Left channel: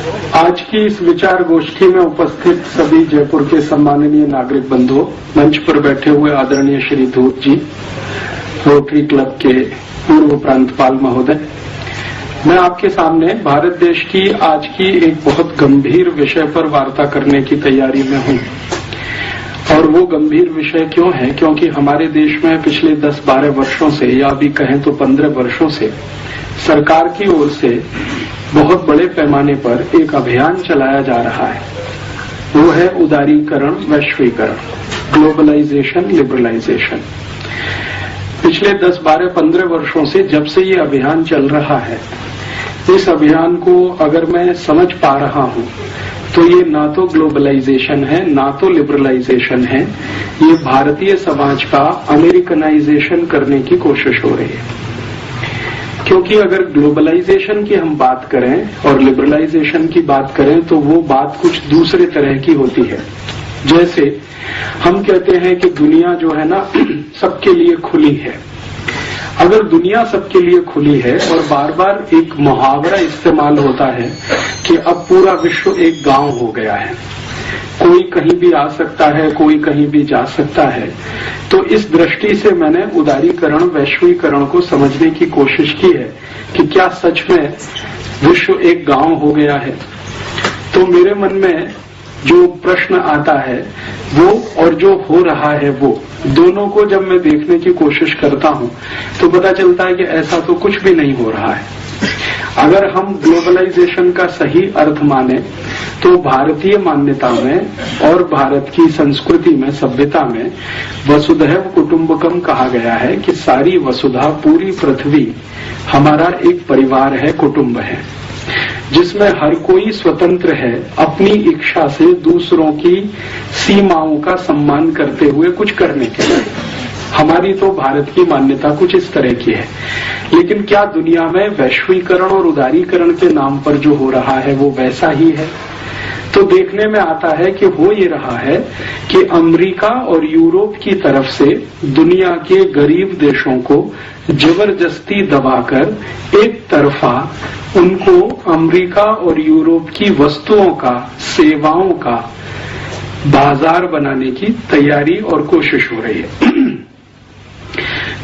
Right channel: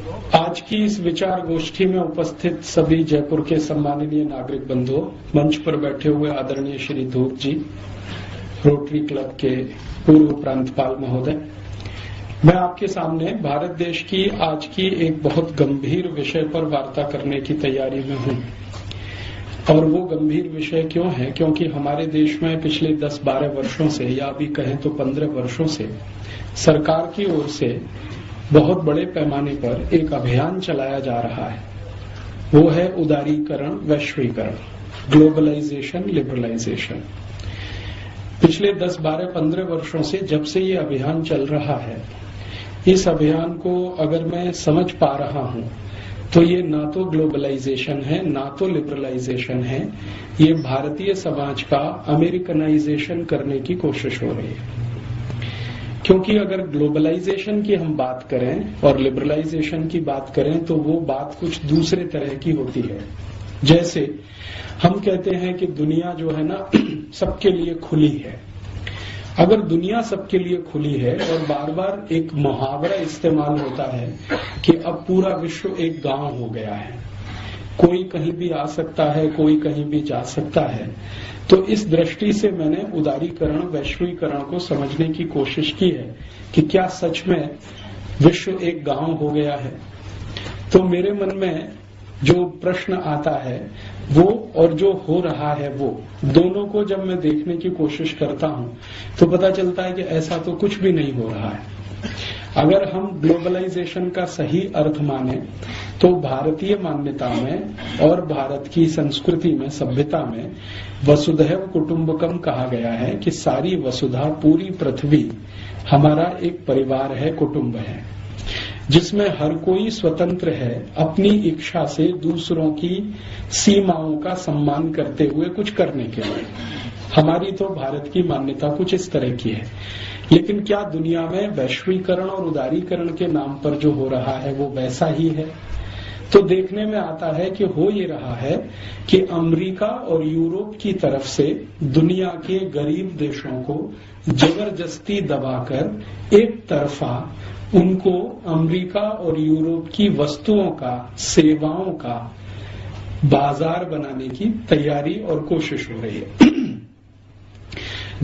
आज की इस विचार गोष्ठी में उपस्थित सभी जयपुर के सम्माननीय नागरिक बंधुओं, मंच पर बैठे हुए आदरणीय श्री धूत जी, रोटरी क्लब के पूर्व प्रांतपाल महोदय, मैं आपके सामने भारत देश की आज की एक बहुत गंभीर विषय पर वार्ता करने की तैयारी में हूं। और वो गंभीर विषय क्यों है? क्योंकि हमारे देश में पिछले 10-12 वर्षों से, या भी कहें तो 15 वर्षों से, सरकार की ओर से बहुत बड़े पैमाने पर एक अभियान चलाया जा रहा है। वो है उदारीकरण, वैश्वीकरण, ग्लोबलाइजेशन, लिबरलाइजेशन। पिछले 10, 12, 15 वर्षों से जब से ये अभियान चल रहा है, इस अभियान को अगर मैं समझ पा रहा हूं तो ये ना तो ग्लोबलाइजेशन है, ना तो लिबरलाइजेशन है, ये भारतीय समाज का अमेरिकनाइजेशन करने की कोशिश हो रही है। क्योंकि अगर ग्लोबलाइजेशन की हम बात करें और लिबरलाइजेशन की बात करें तो वो बात कुछ दूसरे तरह की होती है। जैसे हम कहते हैं कि दुनिया जो है ना सबके लिए खुली है। अगर दुनिया सबके लिए खुली है और बार बार एक मुहावरा इस्तेमाल होता है कि अब पूरा विश्व एक गांव हो गया है, कोई कहीं भी आ सकता है, कोई कहीं भी जा सकता है, तो इस दृष्टि से मैंने उदारीकरण, वैश्वीकरण को समझने की कोशिश की है कि क्या सच में विश्व एक गांव हो गया है। तो मेरे मन में जो प्रश्न आता है वो और जो हो रहा है वो दोनों को जब मैं देखने की कोशिश करता हूं तो पता चलता है कि ऐसा तो कुछ भी नहीं हो रहा है। अगर हम ग्लोबलाइजेशन का सही अर्थ माने तो भारतीय मान्यता में और भारत की संस्कृति में, सभ्यता में वसुधैव कुटुंबकम कहा गया है कि सारी वसुधा, पूरी पृथ्वी हमारा एक परिवार है, कुटुंब है, जिसमें हर कोई स्वतंत्र है अपनी इच्छा से दूसरों की सीमाओं का सम्मान करते हुए कुछ करने के लिए। हमारी तो भारत की मान्यता कुछ इस तरह की है। लेकिन क्या दुनिया में वैश्वीकरण और उदारीकरण के नाम पर जो हो रहा है वो वैसा ही है? तो देखने में आता है कि हो ये रहा है कि अमेरिका और यूरोप की तरफ से दुनिया के गरीब देशों को जबरदस्ती दबाकर एक तरफा उनको अमेरिका और यूरोप की वस्तुओं का, सेवाओं का बाजार बनाने की तैयारी और कोशिश हो रही है।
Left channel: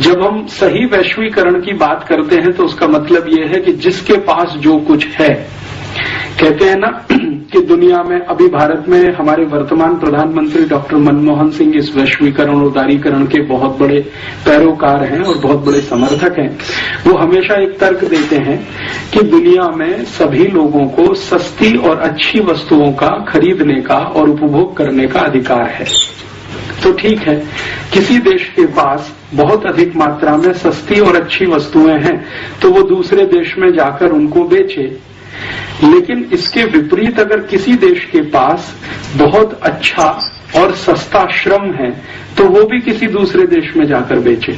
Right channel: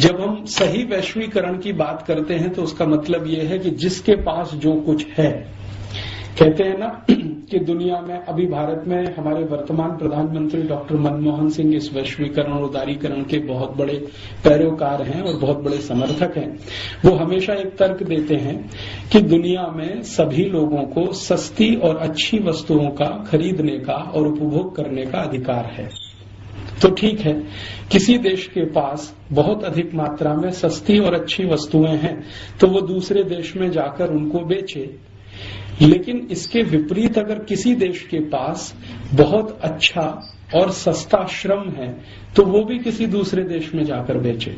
जब हम सही वैश्वीकरण की बात करते हैं तो उसका मतलब यह है कि जिसके पास जो कुछ है, कहते हैं ना कि दुनिया में अभी भारत में हमारे वर्तमान प्रधानमंत्री डॉक्टर मनमोहन सिंह इस वैश्वीकरण, उदारीकरण के बहुत बड़े पैरोकार हैं और बहुत बड़े समर्थक हैं। वो हमेशा एक तर्क देते हैं कि दुनिया में सभी लोगों को सस्ती और अच्छी वस्तुओं का खरीदने का और उपभोग करने का अधिकार है। तो ठीक है, किसी देश के पास बहुत अधिक मात्रा में सस्ती और अच्छी वस्तुएं हैं तो वो दूसरे देश में जाकर उनको बेचे। लेकिन इसके विपरीत अगर किसी देश के पास बहुत अच्छा और सस्ता श्रम है तो वो भी किसी दूसरे देश में जाकर बेचे।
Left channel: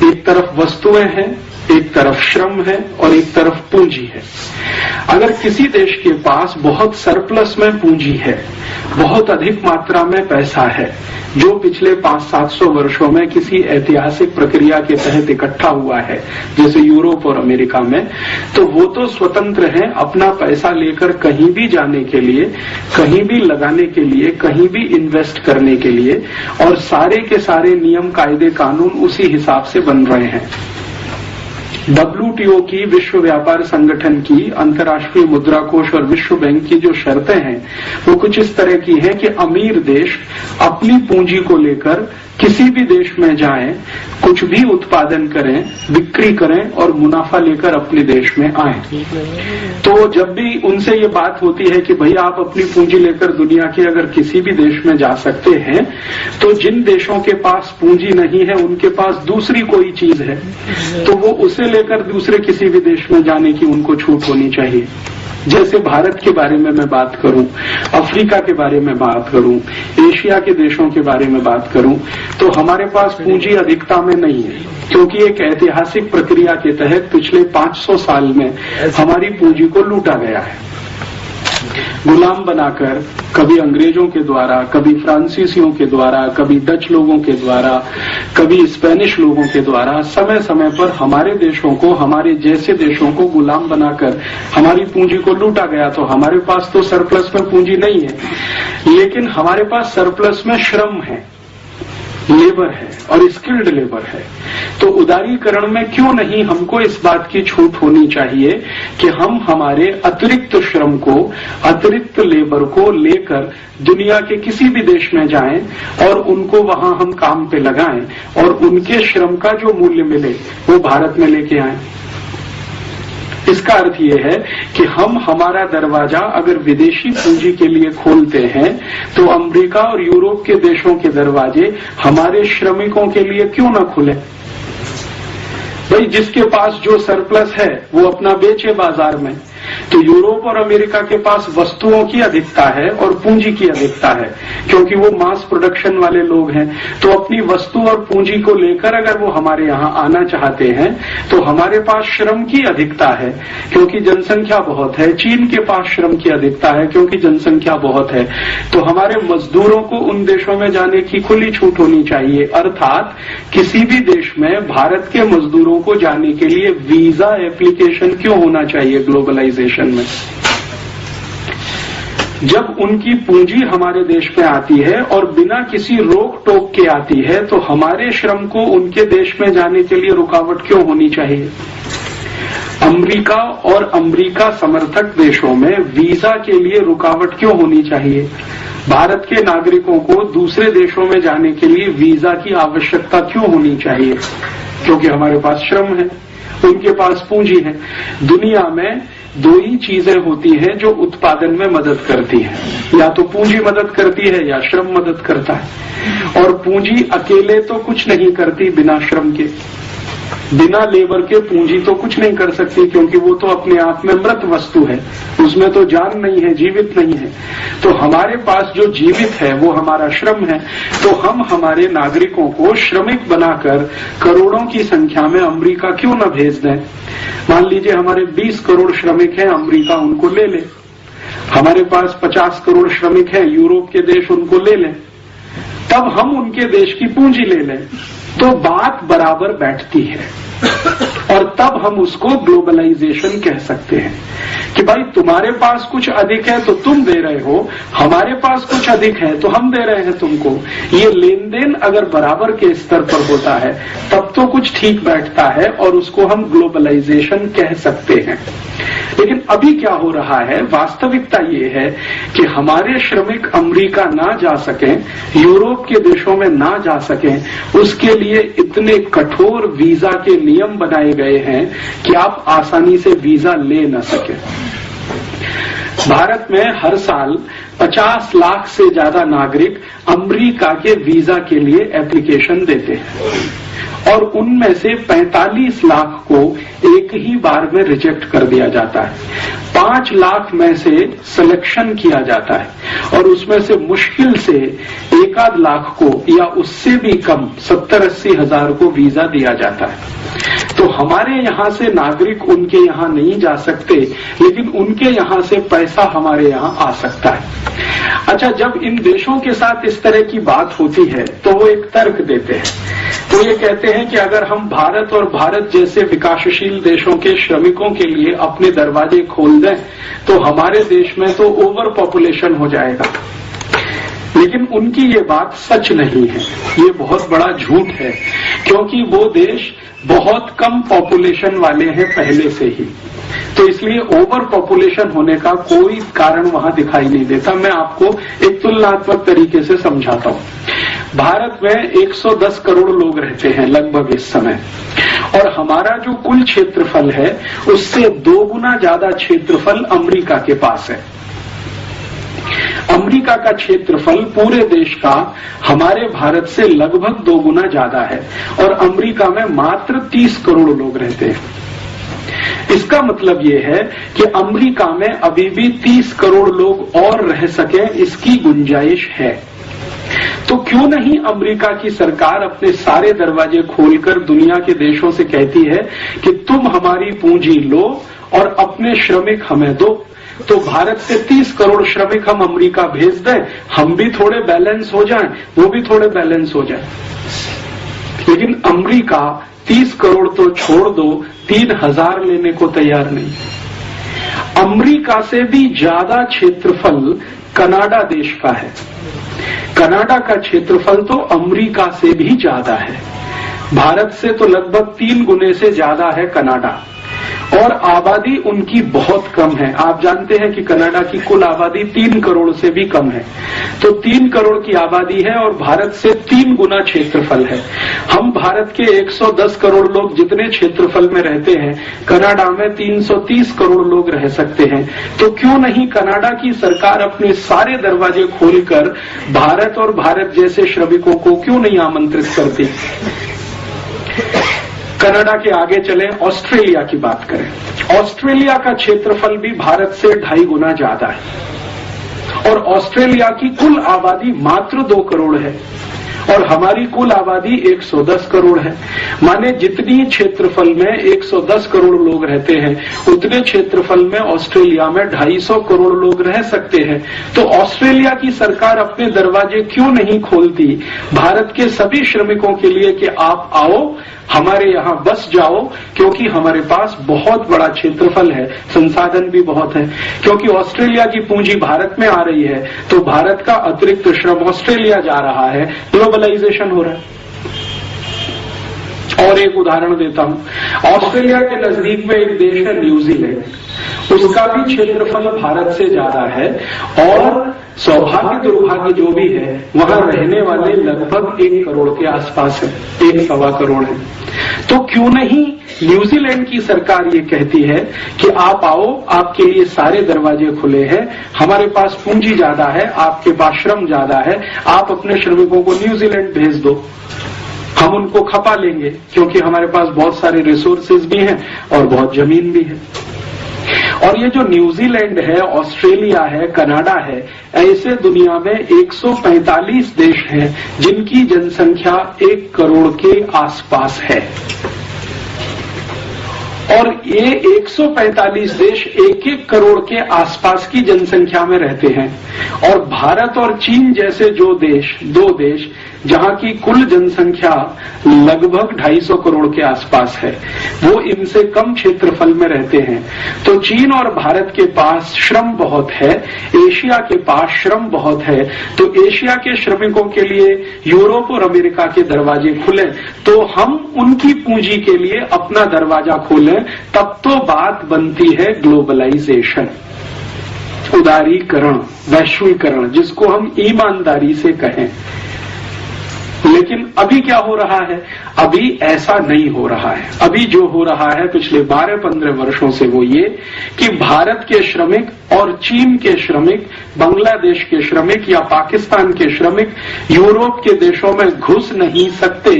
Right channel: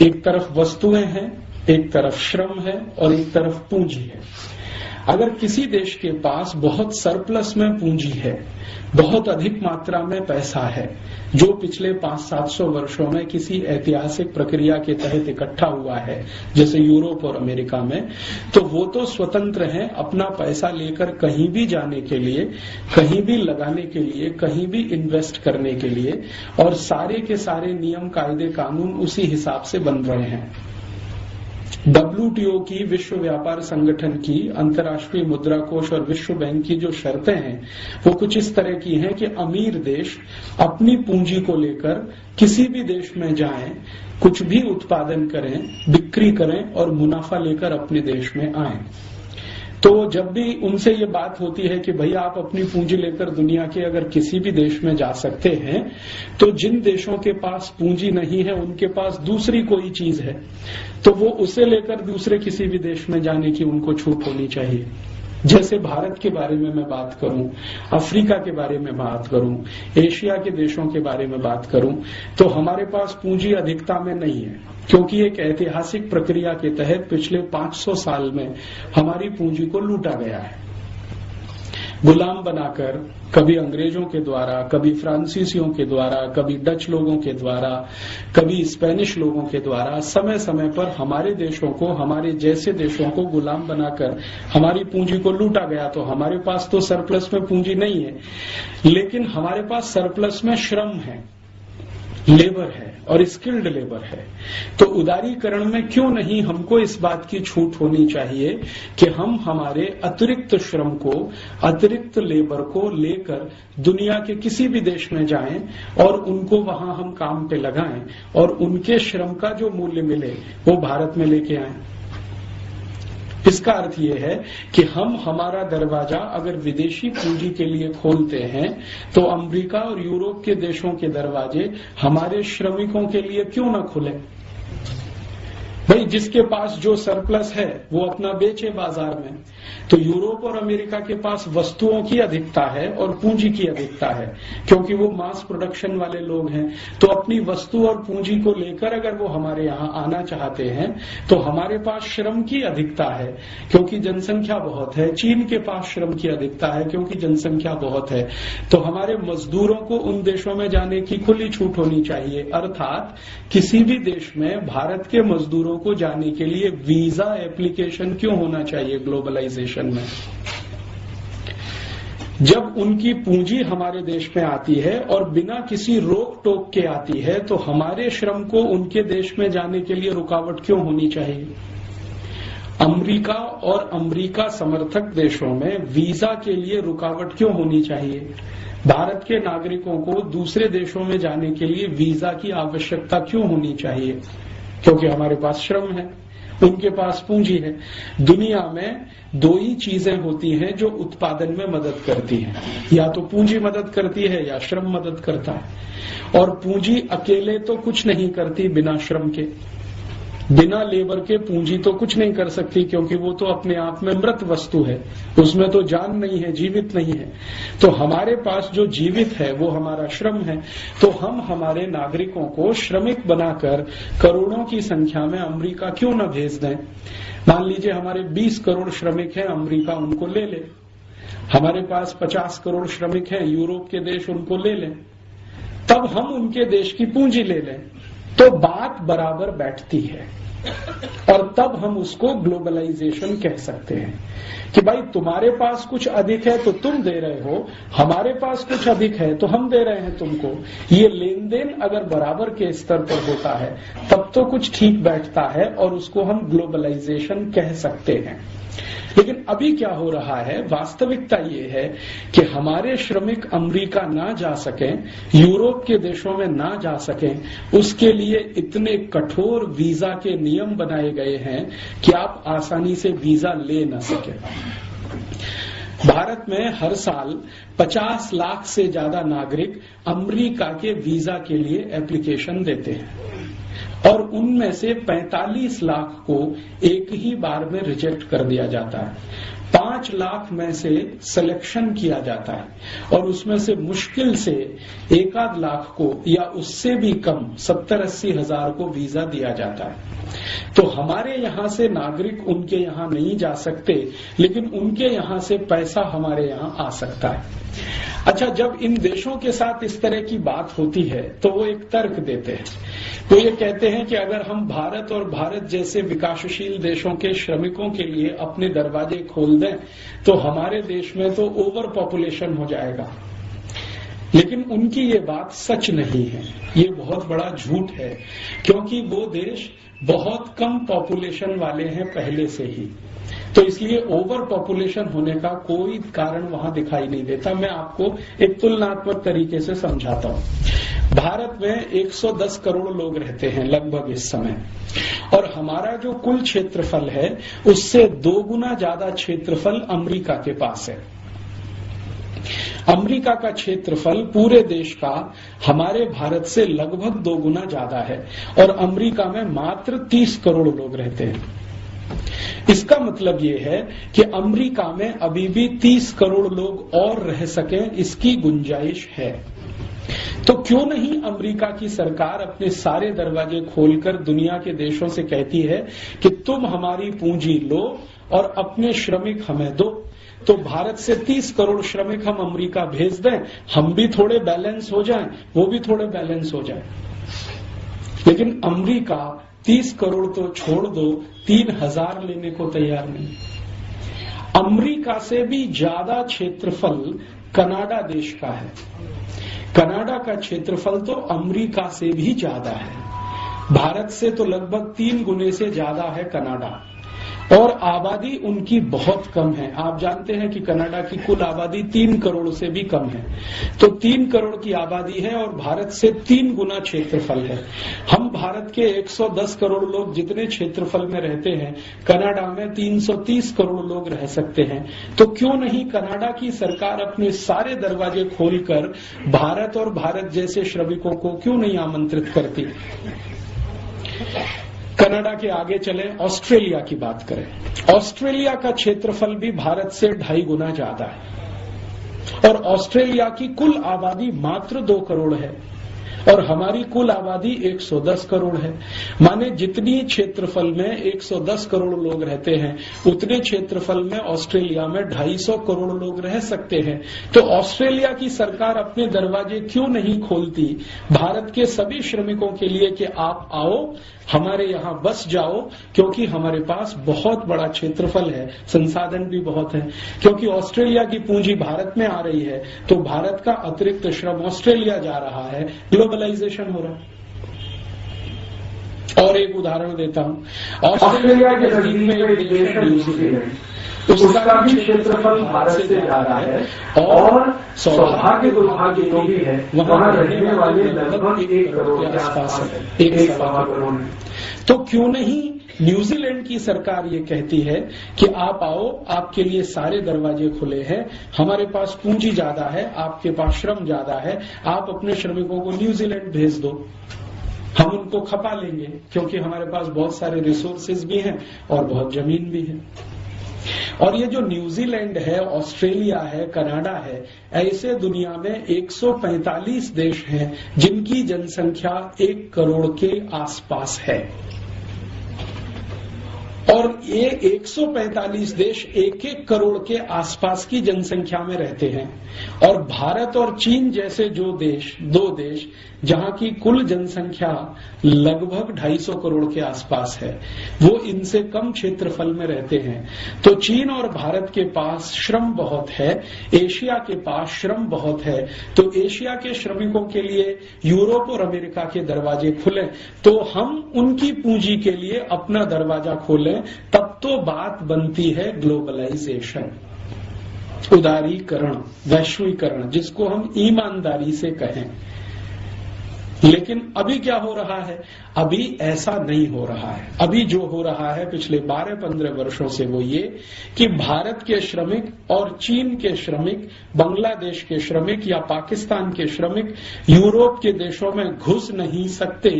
एक तरफ वस्तुएं हैं, एक तरफ श्रम है और एक तरफ पूंजी है। अगर किसी देश के पास बहुत सरप्लस में पूंजी है, बहुत अधिक मात्रा में पैसा है, जो पिछले 500-700 वर्षों में किसी ऐतिहासिक प्रक्रिया के तहत इकट्ठा हुआ है, जैसे यूरोप और अमेरिका में, तो वो तो स्वतंत्र हैं अपना पैसा लेकर कहीं भी जाने के लिए, कहीं भी लगाने के लिए, कहीं भी इन्वेस्ट करने के लिए, और सारे के सारे नियम, कायदे, कानून उसी हिसाब से बन रहे हैं। WTO की, विश्व व्यापार संगठन की, अंतर्राष्ट्रीय मुद्रा कोष और विश्व बैंक की जो शर्तें हैं वो कुछ इस तरह की हैं कि अमीर देश अपनी पूंजी को लेकर किसी भी देश में जाएं, कुछ भी उत्पादन करें, बिक्री करें और मुनाफा लेकर अपने देश में आएं। तो जब भी उनसे ये बात होती है कि भाई आप अपनी पूंजी लेकर दुनिया के अगर किसी भी देश में जा सकते हैं, तो जिन देशों के पास पूंजी नहीं है उनके पास दूसरी कोई चीज है तो वो उसे लेकर दूसरे किसी भी देश में जाने की उनको छूट होनी चाहिए। जैसे भारत के बारे में मैं बात करूं, अफ्रीका के बारे में बात करूं, एशिया के देशों के बारे में बात करूं, तो हमारे पास पूंजी अधिकता में नहीं है, क्योंकि एक ऐतिहासिक प्रक्रिया के तहत पिछले 500 साल में हमारी पूंजी को लूटा गया है। गुलाम बनाकर, कभी अंग्रेजों के द्वारा, कभी फ्रांसीसियों के द्वारा, कभी डच लोगों के द्वारा, कभी स्पेनिश लोगों के द्वारा समय समय पर हमारे देशों को, हमारे जैसे देशों को गुलाम बनाकर हमारी पूंजी को लूटा गया। तो हमारे पास तो सरप्लस में पूंजी नहीं है, लेकिन हमारे पास सरप्लस में श्रम है, लेबर है और स्किल्ड लेबर है। तो उदारीकरण में क्यों नहीं हमको इस बात की छूट होनी चाहिए कि हम हमारे अतिरिक्त श्रम को, अतिरिक्त लेबर को लेकर दुनिया के किसी भी देश में जाएं और उनको वहां हम काम पे लगाएं और उनके श्रम का जो मूल्य मिले वो भारत में लेके आएं। इसका अर्थ ये है कि हम हमारा दरवाजा अगर विदेशी पूंजी के लिए खोलते हैं तो अमेरिका और यूरोप के देशों के दरवाजे हमारे श्रमिकों के लिए क्यों न खुले। भाई जिसके पास जो सरप्लस है वो अपना बेचे बाजार में। तो यूरोप और अमेरिका के पास वस्तुओं की अधिकता है और पूंजी की अधिकता है, क्योंकि वो मास प्रोडक्शन वाले लोग हैं। तो अपनी वस्तु और पूंजी को लेकर अगर वो हमारे यहाँ आना चाहते हैं तो हमारे पास श्रम की अधिकता है क्योंकि जनसंख्या बहुत है। चीन के पास श्रम की अधिकता है क्योंकि जनसंख्या बहुत है। तो हमारे मजदूरों को उन देशों में जाने की खुली छूट होनी चाहिए। अर्थात किसी भी देश में भारत के मजदूरों को जाने के लिए वीजा एप्लीकेशन क्यों होना चाहिए ग्लोबलाइजेशन में। जब उनकी पूंजी हमारे देश में आती है और बिना किसी रोक टोक के आती है तो हमारे श्रम को उनके देश में जाने के लिए रुकावट क्यों होनी चाहिए। अमेरिका और अमेरिका समर्थक देशों में वीजा के लिए रुकावट क्यों होनी चाहिए। भारत के नागरिकों को दूसरे देशों में जाने के लिए वीजा की आवश्यकता क्यों होनी चाहिए, क्योंकि हमारे पास श्रम है, उनके पास पूंजी है। दुनिया में दो ही चीजें होती हैं जो उत्पादन में मदद करती हैं, या तो पूंजी मदद करती है या श्रम मदद करता है। और पूंजी अकेले तो कुछ नहीं करती बिना श्रम के। बिना लेबर के पूंजी तो कुछ नहीं कर सकती, क्योंकि वो तो अपने आप में मृत वस्तु है, उसमें तो जान नहीं है, जीवित नहीं है। तो हमारे पास जो जीवित है वो हमारा श्रम है। तो हम हमारे नागरिकों को श्रमिक बनाकर करोड़ों की संख्या में अमेरिका क्यों न भेज दें। मान लीजिए हमारे 20 करोड़ श्रमिक हैं, अमेरिका उनको ले ले। हमारे पास 50 करोड़ श्रमिक हैं, यूरोप के देश उनको ले लें। तब हम उनके देश की पूंजी ले लें तो बात बराबर बैठती है और तब हम उसको ग्लोबलाइजेशन कह सकते हैं कि भाई तुम्हारे पास कुछ अधिक है तो तुम दे रहे हो, हमारे पास कुछ अधिक है तो हम दे रहे हैं तुमको। ये लेन देन अगर बराबर के स्तर पर होता है तब तो कुछ ठीक बैठता है और उसको हम ग्लोबलाइजेशन कह सकते हैं। लेकिन अभी क्या हो रहा है, वास्तविकता ये है कि हमारे श्रमिक अमेरिका ना जा सकें, यूरोप के देशों में ना जा सकें, उसके लिए इतने कठोर वीजा के नियम बनाए गए हैं कि आप आसानी से वीजा ले न सकें। भारत में हर साल 50 लाख से ज्यादा नागरिक अमेरिका के वीजा के लिए एप्लीकेशन देते हैं और उनमें से 45 लाख को एक ही बार में रिजेक्ट कर दिया जाता है। 5 लाख में से सिलेक्शन किया जाता है और उसमें से मुश्किल से 1-8 लाख को या उससे भी कम 70-80 हजार को वीजा दिया जाता है। तो हमारे यहाँ से नागरिक उनके यहाँ नहीं जा सकते, लेकिन उनके यहाँ से पैसा हमारे यहाँ आ सकता है। अच्छा, जब इन देशों के साथ इस तरह की बात होती है तो वो एक तर्क देते हैं। तो ये कहते हैं कि अगर हम भारत और भारत जैसे विकासशील देशों के श्रमिकों के लिए अपने दरवाजे खोल दें तो हमारे देश में तो ओवर पॉपुलेशन हो जाएगा। लेकिन उनकी ये बात सच नहीं है, ये बहुत बड़ा झूठ है, क्योंकि वो देश बहुत कम पॉपुलेशन वाले हैं पहले से ही। तो इसलिए ओवर पॉपुलेशन होने का कोई कारण वहां दिखाई नहीं देता। मैं आपको एक तुलनात्मक तरीके से समझाता हूं। भारत में 110 करोड़ लोग रहते हैं लगभग इस समय, और हमारा जो कुल क्षेत्रफल है उससे 2 गुना ज्यादा क्षेत्रफल अमेरिका के पास है। अमेरिका का क्षेत्रफल पूरे देश का हमारे भारत से लगभग 2 गुना ज्यादा है और अमेरिका में मात्र 30 करोड़ लोग रहते हैं। इसका मतलब ये है कि अमेरिका में अभी भी 30 करोड़ लोग और रह सकें, इसकी गुंजाइश है। तो क्यों नहीं अमेरिका की सरकार अपने सारे दरवाजे खोलकर दुनिया के देशों से कहती है कि तुम हमारी पूंजी लो और अपने श्रमिक हमें दो। तो भारत से 30 करोड़ श्रमिक हम अमेरिका भेज दें, हम भी थोड़े बैलेंस हो जाएं, वो भी थोड़े बैलेंस हो जाएं। लेकिन अमेरिका 30 करोड़ तो छोड़ दो, 3000 लेने को तैयार नहीं। अमेरिका से भी ज्यादा क्षेत्रफल कनाडा देश का है। कनाडा का क्षेत्रफल तो अमेरिका से भी ज्यादा है। भारत से तो लगभग 3 गुने से ज्यादा है कनाडा, और आबादी उनकी बहुत कम है। आप जानते हैं कि कनाडा की कुल आबादी 3 करोड़ से भी कम है। तो 3 करोड़ की आबादी है और भारत से 3 गुना क्षेत्रफल है। हम भारत के 110 करोड़ लोग जितने क्षेत्रफल में रहते हैं, कनाडा में 330 करोड़ लोग रह सकते हैं। तो क्यों नहीं कनाडा की सरकार अपने सारे दरवाजे खोलकर भारत और भारत जैसे श्रमिकों को क्यों नहीं आमंत्रित करती। कनाडा के आगे चले, ऑस्ट्रेलिया की बात करें। ऑस्ट्रेलिया का क्षेत्रफल भी भारत से 2.5 गुना ज्यादा है और ऑस्ट्रेलिया की कुल आबादी मात्र 2 करोड़ है और हमारी कुल आबादी 110 करोड़ है। माने जितनी क्षेत्रफल में 110 करोड़ लोग रहते हैं, उतने क्षेत्रफल में ऑस्ट्रेलिया में 250 करोड़ लोग रह सकते हैं। तो ऑस्ट्रेलिया की सरकार अपने दरवाजे क्यों नहीं खोलती भारत के सभी श्रमिकों के लिए कि आप आओ, हमारे यहां बस जाओ, क्योंकि हमारे पास बहुत बड़ा क्षेत्रफल है, संसाधन भी बहुत है। क्योंकि ऑस्ट्रेलिया की पूंजी भारत में आ रही है, तो भारत का अतिरिक्त श्रम ऑस्ट्रेलिया जा रहा है, ग्लोबलाइजेशन हो रहा है। और एक उदाहरण देता हूं, ऑस्ट्रेलिया के नजदीक में एक देश है न्यूजीलैंड, उसका भी क्षेत्रफल भारत से ज्यादा है और सौभाग्य दुर्भाग्य जो भी है वहां रहने वाले लगभग 1 करोड़ के आसपास है, 1.25 करोड़ है। तो क्यों नहीं न्यूजीलैंड की सरकार ये कहती है कि आप आओ, आपके लिए सारे दरवाजे खुले हैं, हमारे पास पूंजी ज्यादा है, आपके पास श्रम ज्यादा है, आप अपने श्रमिकों को न्यूजीलैंड भेज दो, हम उनको खपा लेंगे, क्योंकि हमारे पास बहुत सारे रिसोर्सेज भी हैं और बहुत जमीन भी है। और ये जो न्यूजीलैंड है, ऑस्ट्रेलिया है, कनाडा है, ऐसे दुनिया में 145 देश हैं जिनकी जनसंख्या 1 करोड़ के आसपास है। और ये 145 देश 1-1 करोड़ के आसपास की जनसंख्या में रहते हैं। और भारत और चीन जैसे जो देश, 2 देश जहां की कुल जनसंख्या लगभग 250 करोड़ के आसपास है, वो इनसे कम क्षेत्रफल में रहते हैं। तो चीन और भारत के पास श्रम बहुत है, एशिया के पास श्रम बहुत है। तो एशिया के श्रमिकों के लिए यूरोप और अमेरिका के दरवाजे खुले, तो हम उनकी पूंजी के लिए अपना दरवाजा खोलें, तब तो बात बनती है ग्लोबलाइजेशन, उदारीकरण, वैश्वीकरण, जिसको हम ईमानदारी से कहें। लेकिन अभी क्या हो रहा है? अभी ऐसा नहीं हो रहा है। अभी जो हो रहा है पिछले 12-15 वर्षों से वो ये कि भारत के श्रमिक और चीन के श्रमिक, बांग्लादेश के श्रमिक या पाकिस्तान के श्रमिक यूरोप के देशों में घुस नहीं सकते।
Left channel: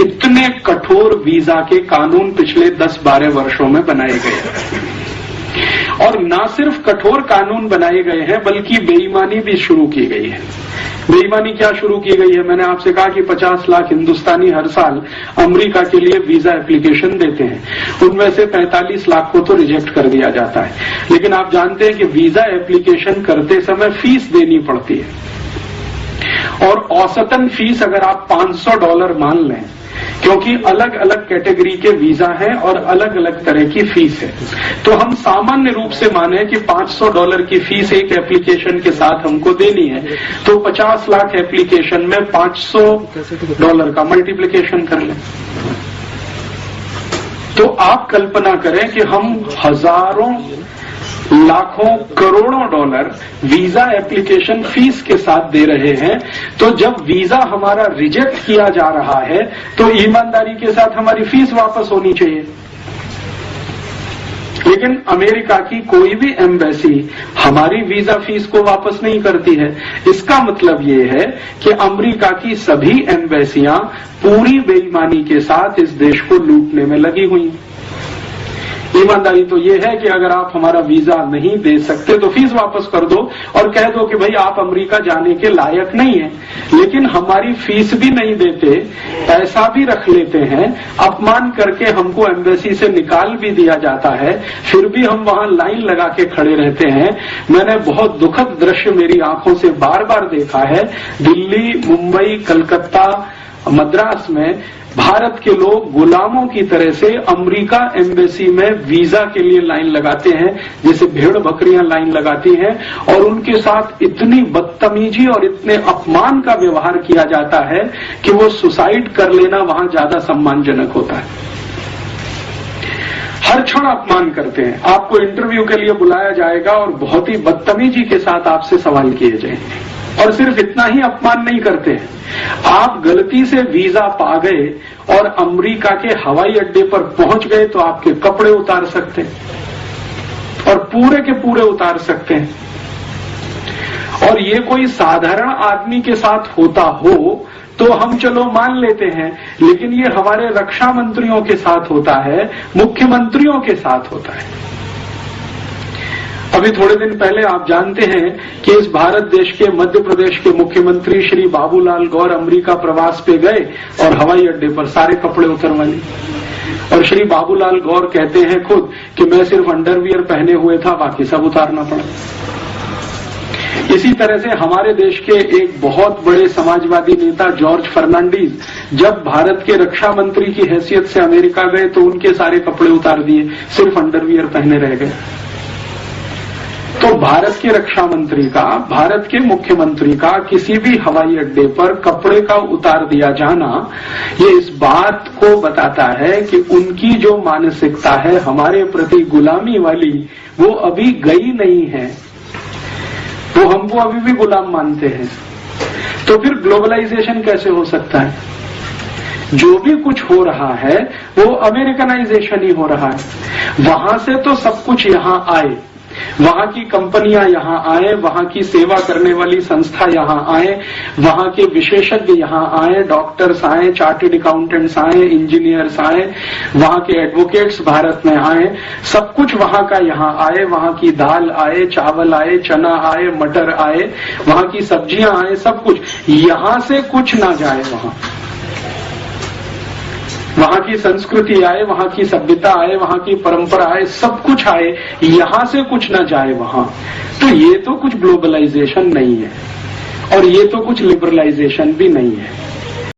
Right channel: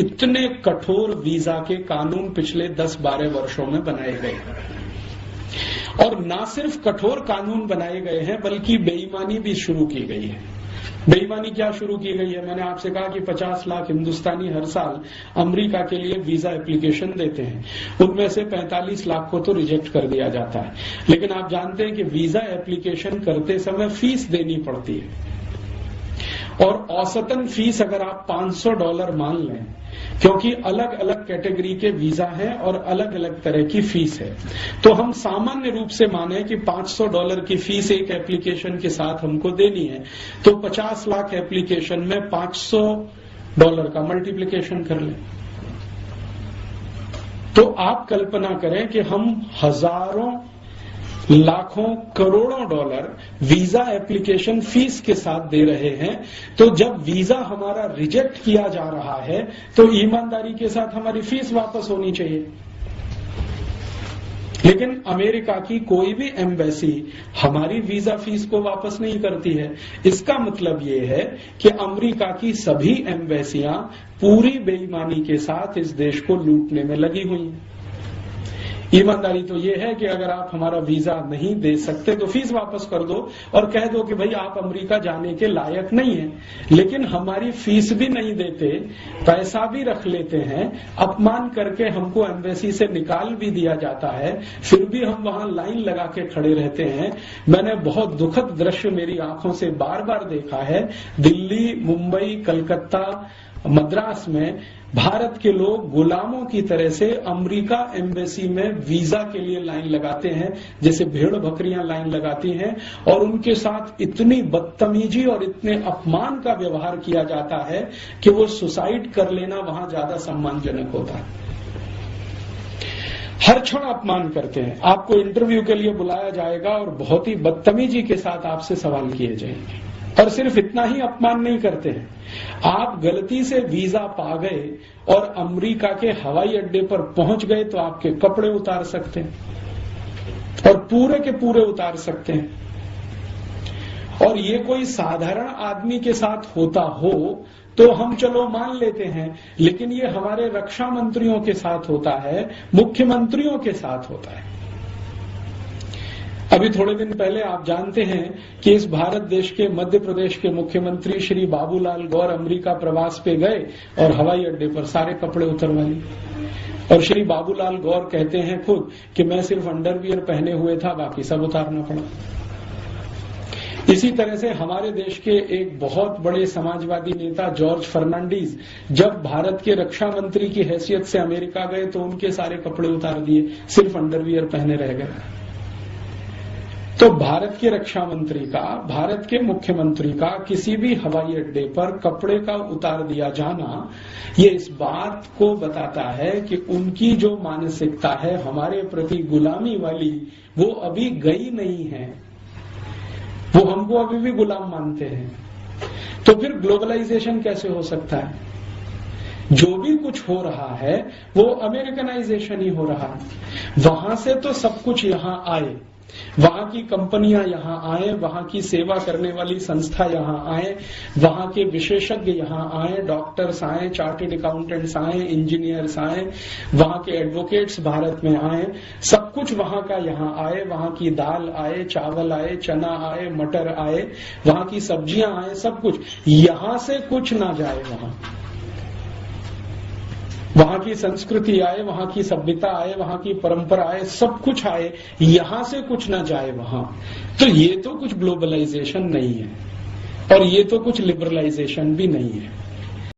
इतने कठोर वीजा के कानून पिछले 10-12 वर्षों में बनाए गए। और न सिर्फ कठोर कानून बनाए गए हैं, बल्कि बेईमानी भी शुरू की गई है। बेईमानी क्या शुरू की गई है? मैंने आपसे कहा कि 50 लाख हिंदुस्तानी हर साल अमेरिका के लिए वीजा एप्लीकेशन देते हैं, उनमें से 45 लाख को तो रिजेक्ट कर दिया जाता है। लेकिन आप जानते हैं कि वीजा एप्लीकेशन करते समय फीस देनी पड़ती है, और औसतन फीस अगर आप $500 मान लें, क्योंकि अलग अलग कैटेगरी के वीजा हैं और अलग अलग तरह की फीस है, तो हम सामान्य रूप से माने कि $500 की फीस एक एप्लीकेशन के साथ हमको देनी है, तो 50 लाख एप्लीकेशन में $500 का मल्टीप्लिकेशन कर लें। तो आप कल्पना करें कि हम हजारों, लाखों, करोड़ों डॉलर वीजा एप्लीकेशन फीस के साथ दे रहे हैं। तो जब वीजा हमारा रिजेक्ट किया जा रहा है, तो ईमानदारी के साथ हमारी फीस वापस होनी चाहिए। लेकिन अमेरिका की कोई भी एम्बेसी हमारी वीजा फीस को वापस नहीं करती है। इसका मतलब ये है कि अमेरिका की सभी एम्बेसियां पूरी बेईमानी के साथ इस देश को लूटने में लगी हुई हैं। ईमानदारी तो ये है कि अगर आप हमारा वीजा नहीं दे सकते तो फीस वापस कर दो और कह दो कि भाई आप अमेरिका जाने के लायक नहीं है। लेकिन हमारी फीस भी नहीं देते, पैसा भी रख लेते हैं, अपमान करके हमको एम्बेसी से निकाल भी दिया जाता है, फिर भी हम वहां लाइन लगा के खड़े रहते हैं। मैंने बहुत दुखद दृश्य मेरी आंखों से बार बार देखा है। दिल्ली, मुंबई, कलकत्ता, मद्रास में भारत के लोग गुलामों की तरह से अमेरिका एम्बेसी में वीजा के लिए लाइन लगाते हैं, जैसे भेड़ बकरियां लाइन लगाती हैं, और उनके साथ इतनी बदतमीजी और इतने अपमान का व्यवहार किया जाता है कि वो सुसाइड कर लेना वहां ज्यादा सम्मानजनक होता है। हर क्षण अपमान करते हैं। आपको इंटरव्यू के लिए बुलाया जाएगा और बहुत ही बदतमीजी के साथ आपसे सवाल किए जाएंगे। और सिर्फ इतना ही अपमान नहीं करते हैं, आप गलती से वीजा पा गए और अमेरिका के हवाई अड्डे पर पहुंच गए तो आपके कपड़े उतार सकते हैं और पूरे के पूरे उतार सकते हैं। और ये कोई साधारण आदमी के साथ होता हो तो हम चलो मान लेते हैं, लेकिन ये हमारे रक्षा मंत्रियों के साथ होता है, मुख्यमंत्रियों के साथ होता है। अभी थोड़े दिन पहले आप जानते हैं कि इस भारत देश के मध्य प्रदेश के मुख्यमंत्री श्री बाबूलाल गौर अमेरिका प्रवास पे गए और हवाई अड्डे पर सारे कपड़े उतरवा लिए। और श्री बाबूलाल गौर कहते हैं खुद कि मैं सिर्फ अंडरवियर पहने हुए था, बाकी सब उतारना पड़ा। इसी तरह से हमारे देश के एक बहुत बड़े समाजवादी नेता जॉर्ज फर्नांडीज जब भारत के रक्षा मंत्री की हैसियत से अमेरिका गए तो उनके सारे कपड़े उतार दिए, सिर्फ अंडरवियर पहने रह गए। तो भारत के रक्षा मंत्री का, भारत के मुख्यमंत्री का किसी भी हवाई अड्डे पर कपड़े का उतार दिया जाना, ये इस बात को बताता है कि उनकी जो मानसिकता है हमारे प्रति गुलामी वाली, वो अभी गई नहीं है। वो हमको अभी भी गुलाम मानते हैं। तो फिर ग्लोबलाइजेशन कैसे हो सकता है? जो भी कुछ हो रहा है वो अमेरिकनाइजेशन ही हो रहा है। वहां से तो सब कुछ यहां आए, वहां की कंपनियां यहां आए, वहां की सेवा करने वाली संस्था यहां आए, वहां के विशेषज्ञ यहां आए, डॉक्टर्स आए, चार्टर्ड अकाउंटेंट्स आए, इंजीनियर्स आए, वहां के एडवोकेट्स भारत में आए, सब कुछ वहां का यहां आए। वहां की दाल आए, चावल आए, चना आए, मटर आए, वहां की सब्जियां आए, सब कुछ। यहां से कुछ ना जाए वहां की संस्कृति आए, वहां की सभ्यता आए, वहां की परंपरा आए, सब कुछ आए, यहां से कुछ ना जाए वहां। तो ये तो कुछ ग्लोबलाइजेशन नहीं है और ये तो कुछ लिबरलाइजेशन भी नहीं है।